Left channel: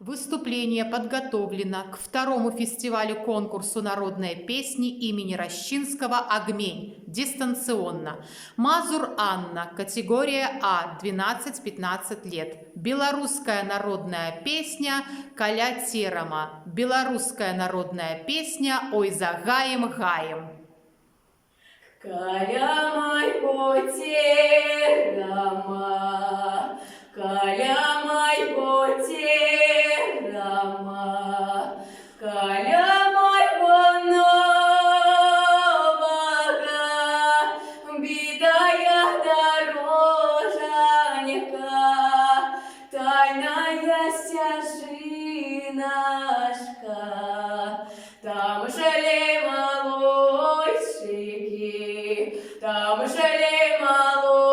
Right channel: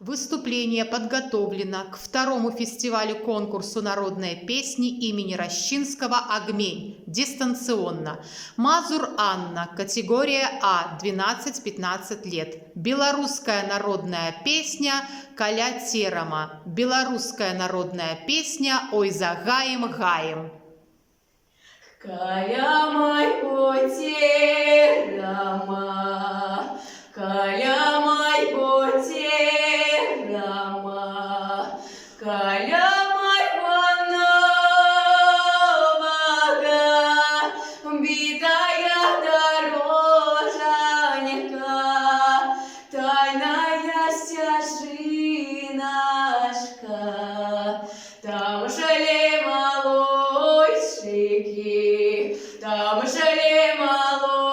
Выступление подготовлено к второму фестивалю-конкурсу народной песни имени Рощинского «Огмень» дистанционно. Мазур Анна, категория А, 12-15 лет. Белорусская народная песня «Каля терама». Белорусская народная песня «Ой за гаем гаем». Каля майго терама, каля майго терама, каля майго нового битая дорожанька, тайная стяжинашка, там жали молодчики, там жили молодчики,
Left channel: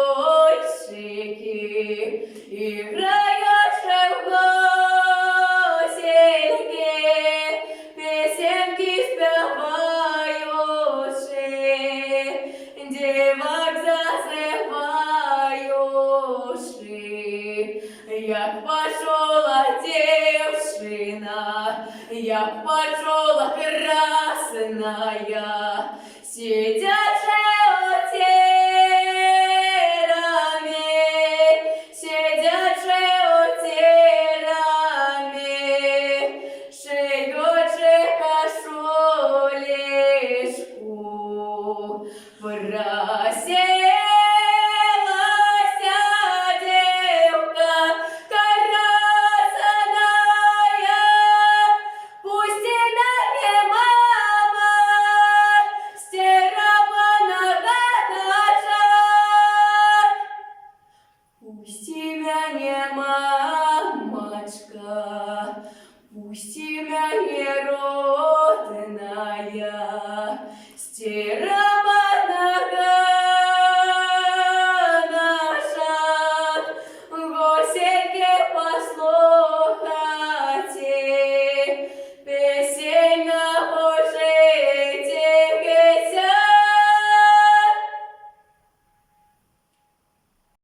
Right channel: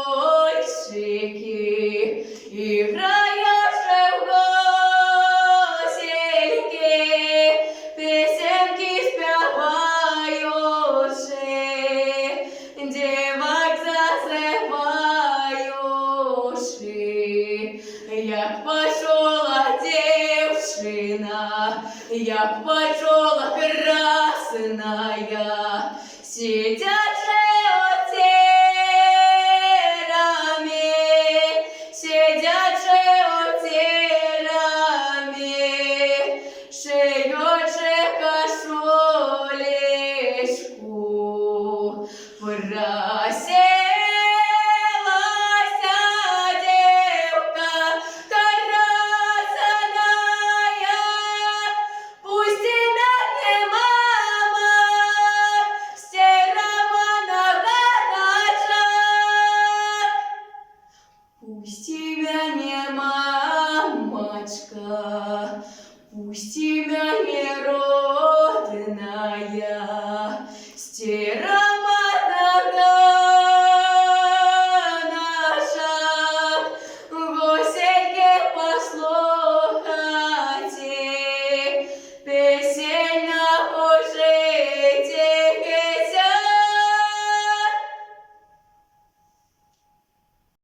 играючи в госельки, песенки співаючи, дівок зазиваючи, як почула дівчина, як почула красная, сидячи у тераме, сидячи у тераме, шиючи кашулечку, проселася девка красная, пусть и на мне мама, стерама на городах. Пусти меня, мамочка, пусти меня, родная, стирай